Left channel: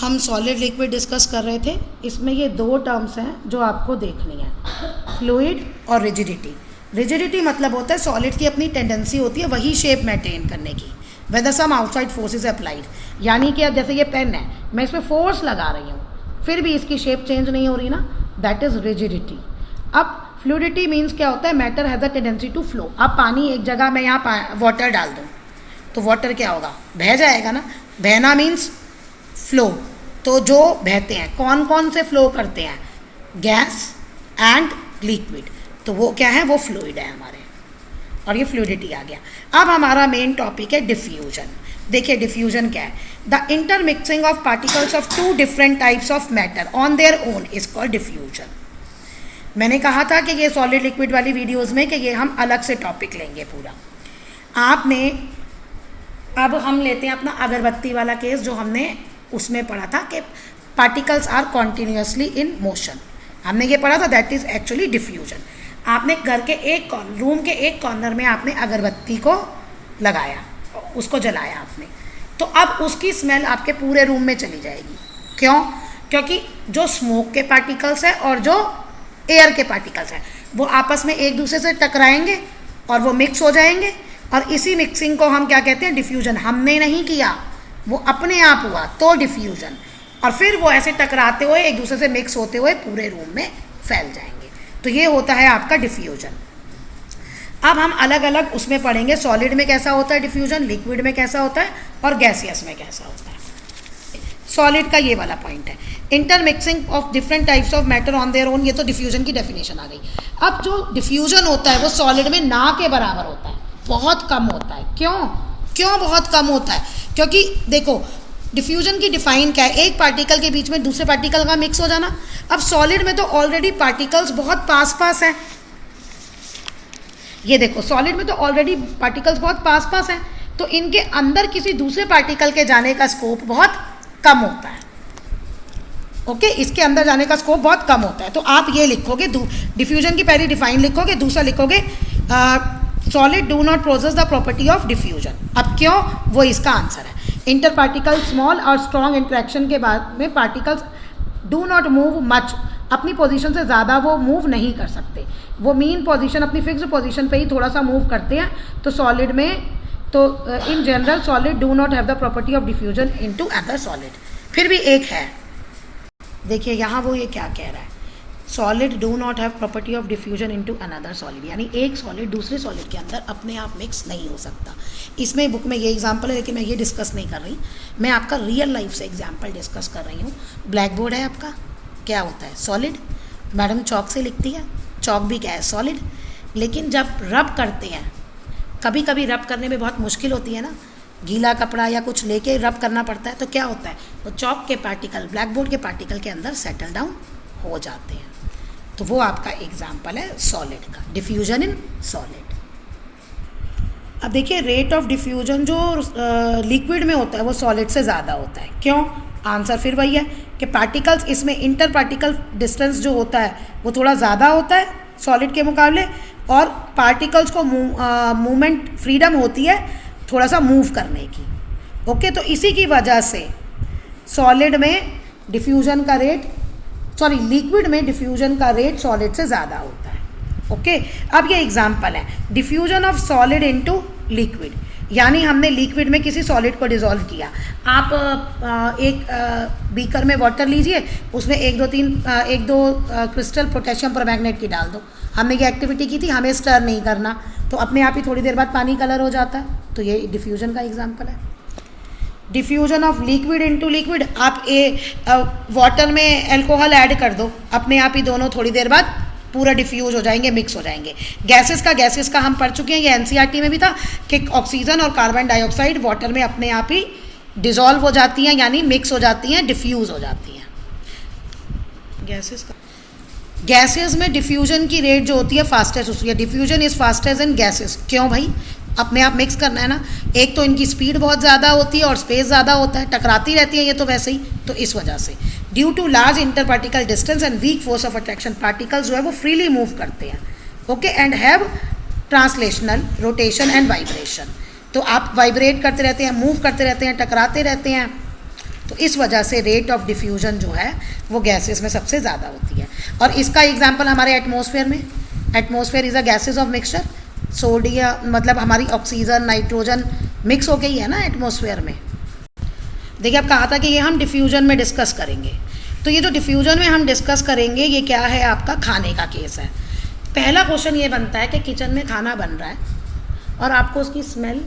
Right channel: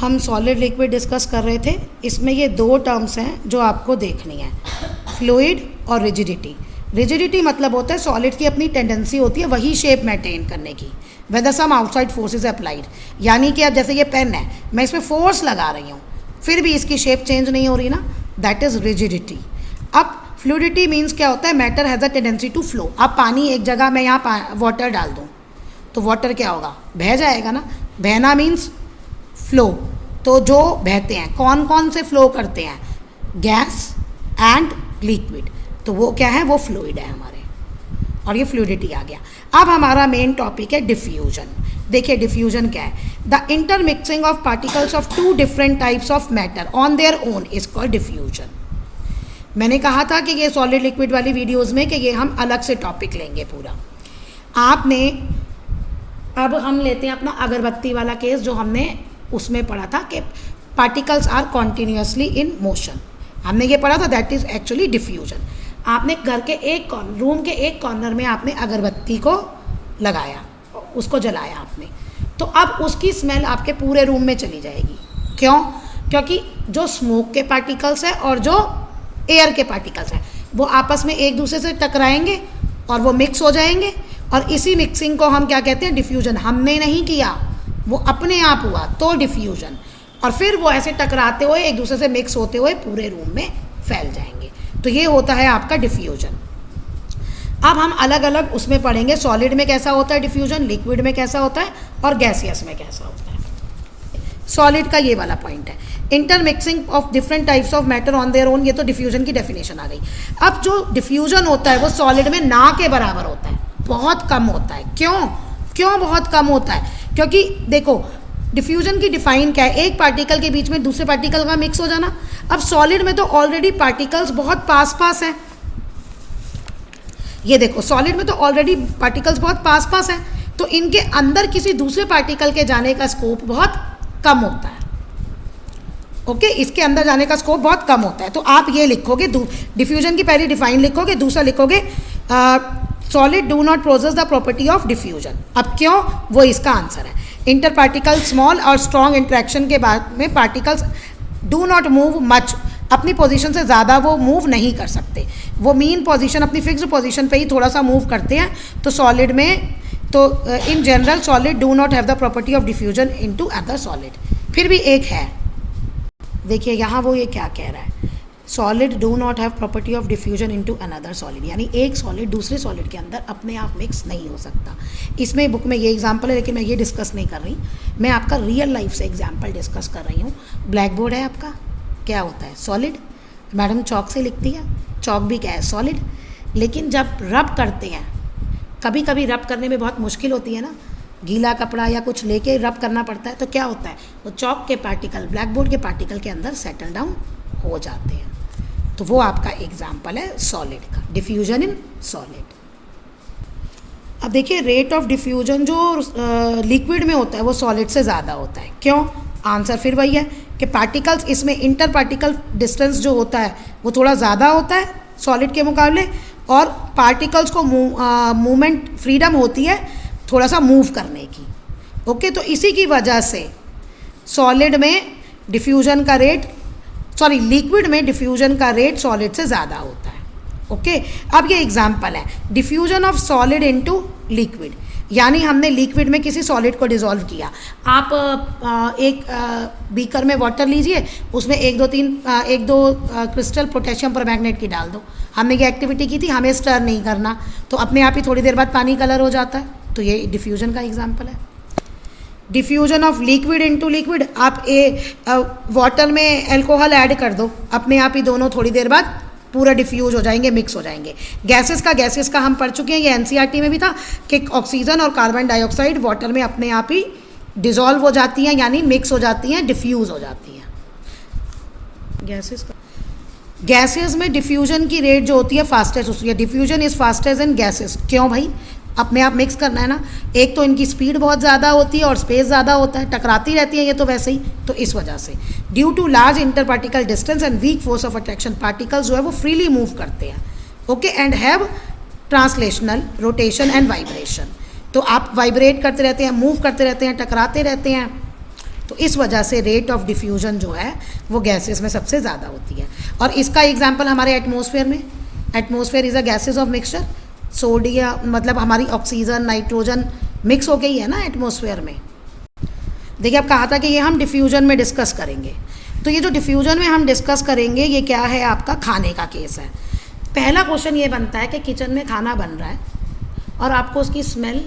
हम solid liquid discuss कर रहे थे। इसमें ये दो टर्म्स हैं जो आपको देखनी है, फ्लूइड और रिजिडिटी। रिजिडिटी मतलब होता है सॉलिड की अपनी टेंडेंसी होती है वही शेप मेंटेन करने की, whether some outside force is applied. यानी कि अब जैसे ये पेन है, मैं इसमें फोर्स लगा रही हूँ फिर भी इसकी शेप चेंज नहीं हो रही ना, दैट इज़ रिजिडिटी। अब फ्लूइडिटी मीन्स क्या होता है, matter has a tendency to flow. अब पानी एक जगह मैं यहाँ वाटर डाल दूँ तो वाटर क्या होगा, बह जाएगा ना। बहना मीन्स फ्लो। तो जो बहते हैं कौन कौन से फ्लो करते हैं, गैस एंड लिक्विड, तो वो क्या है, वो फ्लूइड है हमारे। और ये फ्लूइडिटी आ गया। अब हमारा मेन टॉपिक है डिफ्यूजन। देखिए डिफ्यूजन क्या है, the intermixing of particles of two different types of matter on their own is called diffusion. मैंने कहा था कि ये सॉलिड लिक्विड वाली वीडियोस में कि ये हम अलग से टॉपिक लेंगे पूरा। आपने अब हम लेते हैं अपना अगरबत्ती वाला केस जो हमने उसमें पढ़ा था कि particles are continuously in motion. हमने ये पढ़ा था, दैट इज एक्चुअली डिफ्यूजन। आपने घर के रूम के एक कॉर्नर में आपने अगरबत्ती को लगाया, उसको जलाया आपने, तो अब उसकी स्मेल आपके पूरे रूम में चली जाएगी। क्यों? क्योंकि जो स्मोक के पार्टिकल्स हैं और जो एयर के पार्टिकल्स हैं वो आपस में एक दूसरे से टकराएंगे और वो मिक्स हो जाएंगे, और इसी मिक्सिंग को हम क्या कहते हैं, डिफ्यूजन। हमने नहीं किया, वो अपने आप हुआ तो डिफ्यूजन। और फिर वो ऐसे टकराते हुए एक दूसरे से मिक्स होते हुए पूरे रूम में फैल जाएंगे, तो ये होता है आपका डिफ्यूजन। अब हम अलग अलग उसमें पढ़ेंगे, सॉलिड में कैसा होता है डिफ्यूजन, लिक्विड में कैसा होता है और गैसियस में कैसा होता है। सॉलिड का ये वाला पॉइंट है, intermixing of different types of matter on their own, ये तो डिफ्यूजन की डेफिनेशन आ गई। अब जो डिफ्यूजन होता है वो सॉलिड में ना के बराबर होता है, बहुत कम होता है। क्यों बहुत कम होता है? क्योंकि देखो डिफ्यूजन की डिफाइन क्या है, एक पार्टिकल के बीच में दूसरे पार्टिकल का मिक्स हो जाना। अब सॉलिड में तो ऑलरेडी पार्टिकल्स बहुत पास पास हैं, ये देखो सॉलिड में तो ऑलरेडी पार्टिकल्स बहुत पास पास हैं, तो इनके अंदर किसी दूसरे पार्टिकल के जाने का स्कोप बहुत कम होता है। ओके, इसके अंदर जाने का स्कोप बहुत कम होता है। तो आप ये लिखोगे, डिफ्यूजन की पहले डिफाइन लिखोगे, दूसरा लिखोगे solid do not possess the property of diffusion. अब क्यों, वो इसका आंसर है। इंटर पार्टिकल स्मॉल और स्ट्रॉन्ग इंट्रैक्शन के बाद में particles do not move much, अपनी पोजीशन से ज़्यादा वो मूव नहीं कर सकते, वो मीन पोजीशन अपनी फिक्स्ड पोजीशन पे ही थोड़ा सा मूव करते हैं। तो सॉलिड में तो in general solid do not have the property of diffusion into other solid. फिर भी एक है, देखिए यहाँ वो ये क्या कह रहा है, solid do not have property of diffusion into another solid, यानी एक सॉलिड दूसरे सॉलिड के अंदर अपने आप मिक्स नहीं हो सकता। इसमें बुक में ये एग्जांपल है, लेकिन मैं ये डिस्कस नहीं कर रही, मैं आपका रियल लाइफ से एग्जांपल डिस्कस कर रही हूँ। ब्लैक बोर्ड है आपका, क्या होता है, सॉलिड। मैडम चौक से लिखती है, चौक भी क्या है, सॉलिड। लेकिन जब रब करते हैं, कभी कभी रब करने में बहुत मुश्किल होती है ना, गीला कपड़ा या कुछ लेके रब करना पड़ता है, तो क्या होता है, वो चौक के पार्टिकल ब्लैक बोर्ड के पार्टिकल के अंदर सेटल डाउन हो जाते हैं। तो वो आपका एग्जाम्पल है सॉलिड का, डिफ्यूजन इन सॉलिड। अब देखिए रेट ऑफ डिफ्यूजन जो लिक्विड में होता है वो सॉलिड से ज़्यादा होता है। क्यों? आंसर फिर वही है कि पार्टिकल्स, इसमें इंटर पार्टिकल डिस्टेंस जो होता है वो थोड़ा ज़्यादा होता है सॉलिड के मुकाबले, और पार्टिकल्स को मूवमेंट फ्रीडम होती है थोड़ा सा मूव करने की। ओके, तो इसी की वजह से सॉलिड में डिफ्यूजन का रेट, सॉरी लिक्विड में डिफ्यूजन का रेट सॉलिड से ज़्यादा होता है। ओके, अब ये एग्जांपल है, diffusion of solid into liquid, यानी हमने लिक्विड में किसी सॉलिड को डिसॉल्व किया। आप एक बीकर में वाटर लीजिए, उसमें एक दो क्रिस्टल पोटेशियम परमैंगनेट की डाल दो। हमने ये एक्टिविटी की थी, हमें स्टर नहीं करना, तो अपने आप ही थोड़ी देर बाद पानी कलर हो जाता है। तो ये डिफ्यूजन का एग्जांपल है। Diffusion of liquid into liquid, आप वाटर में अल्कोहल ऐड कर दो, अपने आप ही दोनों थोड़ी देर बाद पूरा डिफ्यूज हो जाएंगे, मिक्स हो जाएंगे। गैसेस का हम पढ़ चुके हैं, ये एनसीईआरटी में भी था कि ऑक्सीजन और कार्बन डाइऑक्साइड वाटर में अपने आप ही डिसॉल्व हो जाती हैं, यानी मिक्स हो जाती हैं, डिफ्यूज हो जाती हैं। गैसेस में डिफ्यूजन की रेट जो होती है फास्टेस्ट होती है, diffusion is fastest in gases. क्यों भाई, अपने आप मिक्स करना है ना, एक तो इनकी स्पीड बहुत ज़्यादा होती है और स्पेस ज़्यादा होता है, टकराती रहती है ये तो वैसे ही, तो इस वजह से due to large inter particle distance and weak force of attraction, particles जो है वो फ्रीली मूव करते हैं। Okay, and have translational rotation and vibration, तो आप वाइब्रेट करते रहते हैं, मूव करते रहते हैं, टकराते रहते हैं, तो इस वजह से रेट ऑफ डिफ्यूजन जो है वो गैसेस में सबसे ज़्यादा होती है। और इसका एग्जांपल हमारे एटमॉस्फेयर में, atmosphere is a gases of mixture, sodium मतलब हमारी ऑक्सीजन नाइट्रोजन मिक्स हो गई है ना एटमॉस्फेयर में। देखिए अब कहा था कि ये हम डिफ्यूजन में डिस्कस करेंगे, तो ये जो डिफ्यूजन में हम डिस्कस करेंगे ये क्या है, आपका खाने का केस है। पहला क्वेश्चन ये बनता है कि किचन में खाना बन रहा है और आपको उसकी स्मेल,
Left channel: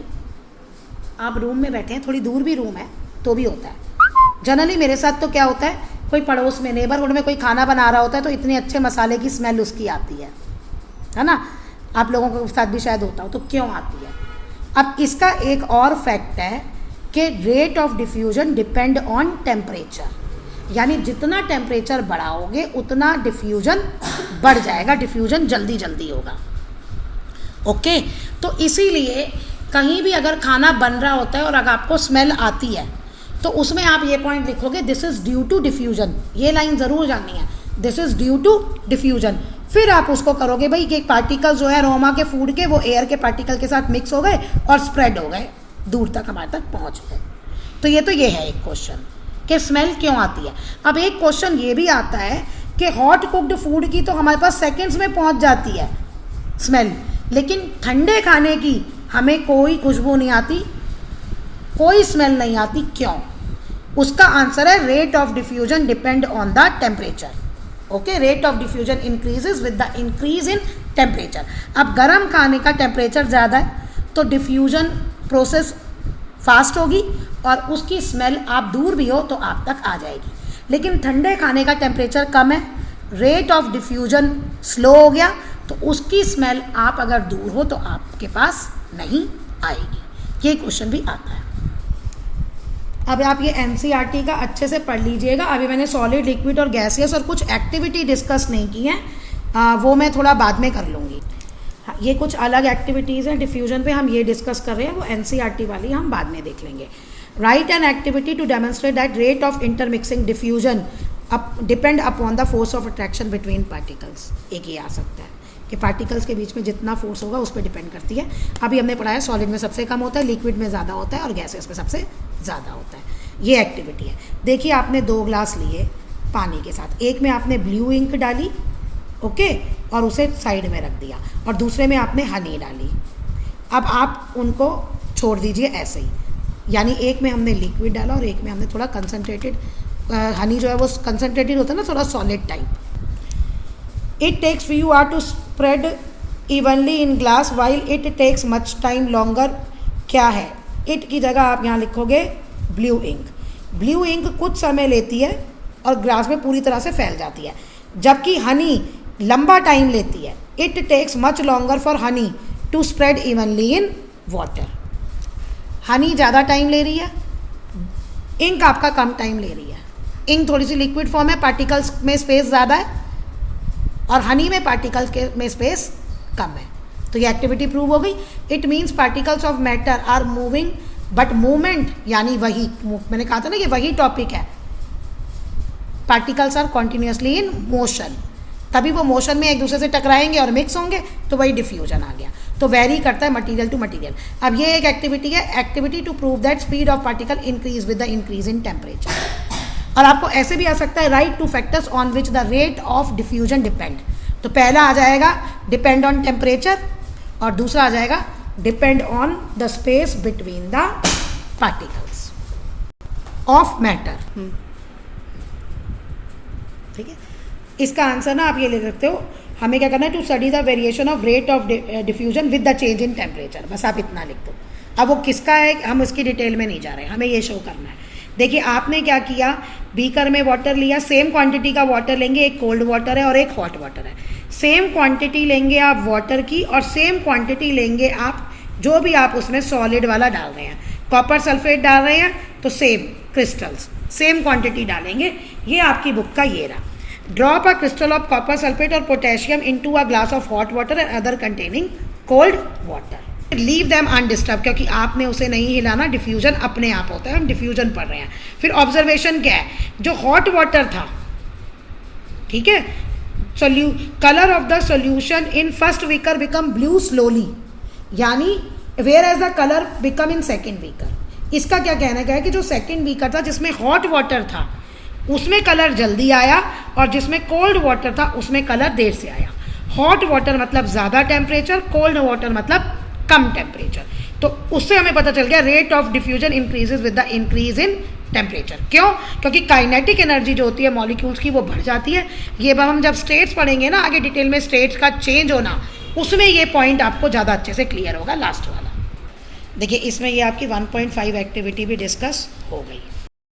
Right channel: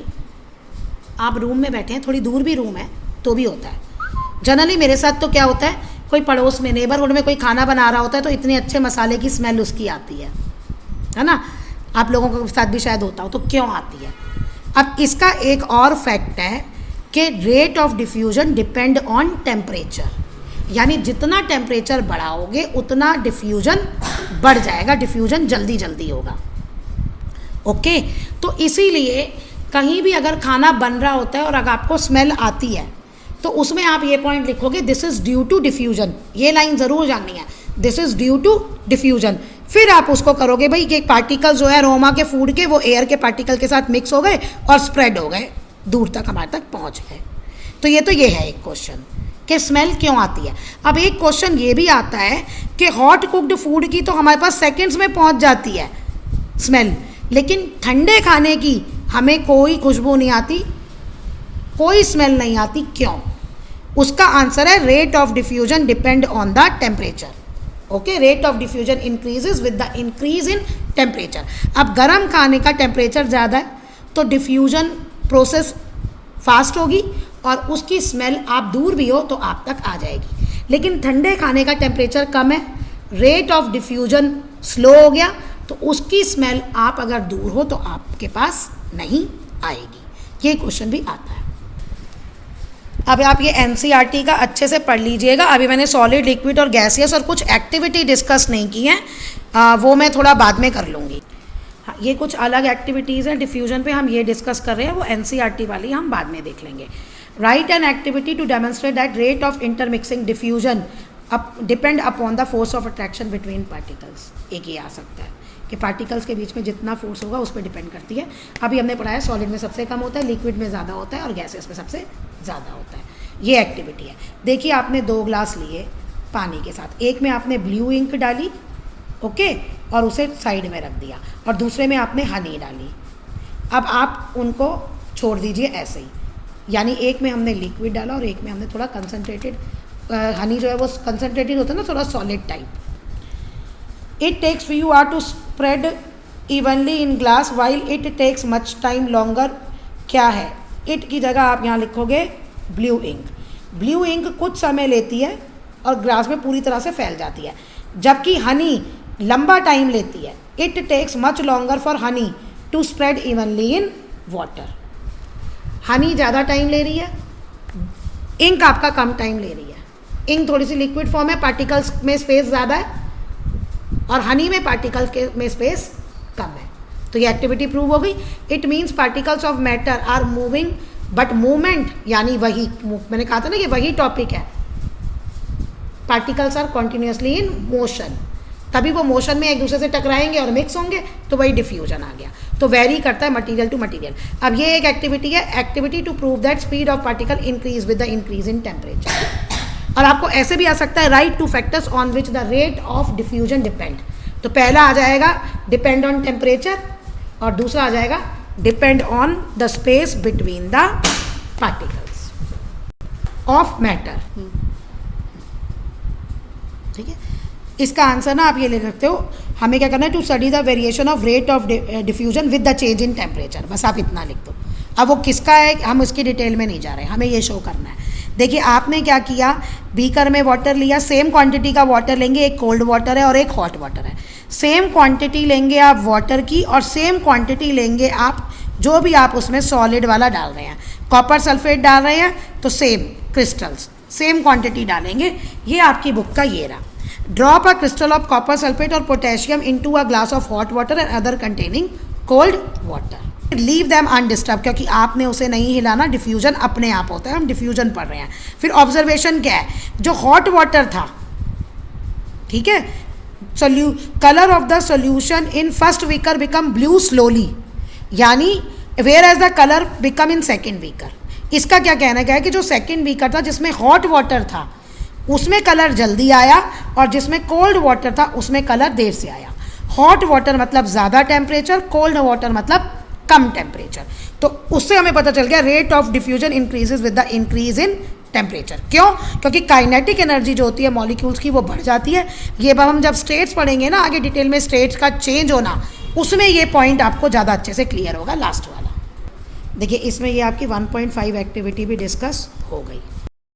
आप रूम में बैठे हैं, थोड़ी दूर भी रूम है तो भी होता है। जनरली मेरे साथ तो क्या होता है, कोई पड़ोस में नेबरहुड में कोई खाना बना रहा होता है तो इतने अच्छे मसाले की स्मेल उसकी आती है ना। आप लोगों के साथ भी शायद होता हो, तो क्यों आती है? अब इसका एक और फैक्ट है कि rate of diffusion depend on temperature, यानी जितना टेम्परेचर बढ़ाओगे उतना डिफ्यूजन बढ़ जाएगा, डिफ्यूजन जल्दी जल्दी होगा। ओके, तो इसीलिए कहीं भी अगर खाना बन रहा होता है और अगर आपको स्मेल आती है तो उसमें आप ये पॉइंट लिखोगे, this is due to diffusion. ये लाइन ज़रूर जाननी है, this is due to diffusion. फिर आप उसको करोगे भाई कि पार्टिकल जो है अरोमा के फूड के, वो एयर के पार्टिकल के साथ मिक्स हो गए और स्प्रेड हो गए, दूर तक हमारे तक पहुंच गए। तो ये है एक क्वेश्चन कि स्मेल क्यों आती है। अब एक क्वेश्चन ये भी आता है कि हॉट कुक्ड फूड की तो हमारे पास सेकंड्स में पहुंच जाती है स्मेल, लेकिन ठंडे खाने की हमें कोई खुशबू नहीं आती, कोई स्मेल नहीं आती, क्यों? उसका आंसर है rate of diffusion depend on the temperature. Okay, rate of diffusion increases with the increase in temperature. अब गर्म खाने का टेम्परेचर ज़्यादा है तो डिफ्यूजन प्रोसेस फास्ट होगी और उसकी स्मेल आप दूर भी हो तो आप तक आ जाएगी। लेकिन ठंडे खाने का टेम्परेचर कम है, रेट ऑफ डिफ्यूजन स्लो हो गया, तो उसकी स्मेल आप अगर दूर हो तो आपके पास नहीं आएगी। ये क्वेश्चन भी आता है। अब आप ये NCERT का अच्छे से पढ़ लीजिएगा। अभी मैंने सॉलिड, लिक्विड और गैसियस और कुछ एक्टिविटी डिस्कस नहीं की हैं, वो मैं थोड़ा बाद में कर लूँगी। हाँ, ये कुछ अलग एक्टिविटीज़ हैं डिफ्यूजन पे, हम ये डिस्कस कर रहे हैं, वो NCERT वाली हम बाद में देख लेंगे। Write an activity to demonstrate that rate of intermixing diffusion depend upon the force of attraction between particles. एक ये आ सकता है कि पार्टिकल्स के बीच में जितना फोर्स होगा उस पर डिपेंड करती है। अभी हमने पढ़ा है सॉलिड में सबसे कम होता है, लिक्विड में ज़्यादा होता है और गैसेस में सबसे ज़्यादा होता है। ये एक्टिविटी है। देखिए आपने 2 ग्लास लिए पानी के साथ, एक में आपने ब्लू इंक डाली, ओके, और उसे साइड में रख दिया, और दूसरे में आपने हनी डाली। अब आप उनको छोड़ दीजिए ऐसे ही, यानी एक में हमने लिक्विड डाला और एक में हमने थोड़ा कंसनट्रेटेड, हनी जो है वो कंसनट्रेटेड होता है ना, थोड़ा solid type. It takes few hour to spread evenly in glass while it takes much time longer. क्या है? इट की जगह आप यहाँ लिखोगे ब्लू इंक। ब्लू इंक कुछ समय लेती है और ग्लास में पूरी तरह से फैल जाती है, जबकि हनी लंबा टाइम लेती है। It takes much longer for honey to spread evenly in water. Honey ज़्यादा टाइम ले रही है, इंक आपका कम टाइम ले रही है। इंक थोड़ी सी लिक्विड फॉर्म है, पार्टिकल्स में स्पेस ज़्यादा है, और हनी में पार्टिकल्स के में स्पेस कम है। तो ये एक्टिविटी प्रूव हो गई। It means particles of matter are moving but movement, यानी वही मैंने कहा था ना, ये वही टॉपिक है, particles are continuously in motion, तभी वो मोशन में एक दूसरे से टकराएंगे और मिक्स होंगे, तो वही डिफ्यूजन आ गया। तो वेरी करता है मटेरियल टू मटेरियल। अब ये एक एक्टिविटी है, activity to prove that speed of particle increase with the increase in temperature. और आपको ऐसे भी आ सकता है, right 2 factors on which the rate of diffusion depend. तो पहला आ जाएगा डिपेंड ऑन टेम्परेचर, और दूसरा आ जाएगा depend on the space between the particles of matter. ठीक है, इसका आंसर ना आप ये ले सकते हो, हमें क्या करना है, to study the variation of rate of diffusion with the change in temperature. बस आप इतना लिख दो। अब वो किसका है हम उसकी डिटेल में नहीं जा रहे, हमें ये शो करना है। देखिए आपने क्या किया, बीकर में वाटर लिया, सेम क्वांटिटी का वाटर लेंगे, एक कोल्ड वाटर है और एक हॉट वाटर है। सेम क्वांटिटी लेंगे आप वाटर की, और सेम क्वांटिटी लेंगे आप जो भी आप उसमें सॉलिड वाला डाल रहे हैं। कॉपर सल्फेट डाल रहे हैं तो सेम क्रिस्टल्स, सेम क्वांटिटी डालेंगे। ये आपकी बुक का ये रहा। Drop a crystal of copper sulphate और potassium into a glass of hot water and other containing cold water. Leave them undisturbed, क्योंकि आपने उसे नहीं हिलाना, डिफ्यूजन अपने आप होता है, हम डिफ्यूजन पढ़ रहे हैं। फिर ऑब्जर्वेशन क्या है, जो हॉट वाटर था, ठीक है, colour of the solution in first beaker become blue slowly, यानी where as the colour become in second beaker. इसका क्या कहना है कि जो सेकंड बीकर था जिसमें हॉट वाटर था उसमें कलर जल्दी आया और जिसमें कोल्ड वाटर था उसमें कलर देर से आया। हॉट वाटर मतलब ज़्यादा टेम्परेचर, कोल्ड वाटर मतलब कम टेम्परेचर। तो उससे हमें पता चल गया rate of diffusion increases with the increase in temperature. क्यों? क्योंकि काइनेटिक एनर्जी जो होती है मॉलिक्यूल्स की वो बढ़ जाती है। ये हम जब स्टेट्स पढ़ेंगे ना आगे डिटेल में, स्टेट्स का चेंज होना, उसमें ये पॉइंट आपको ज़्यादा अच्छे से क्लियर होगा। लास्ट वाला देखिए, इसमें ये आपकी 1.5 एक्टिविटी भी डिस्कस हो गई।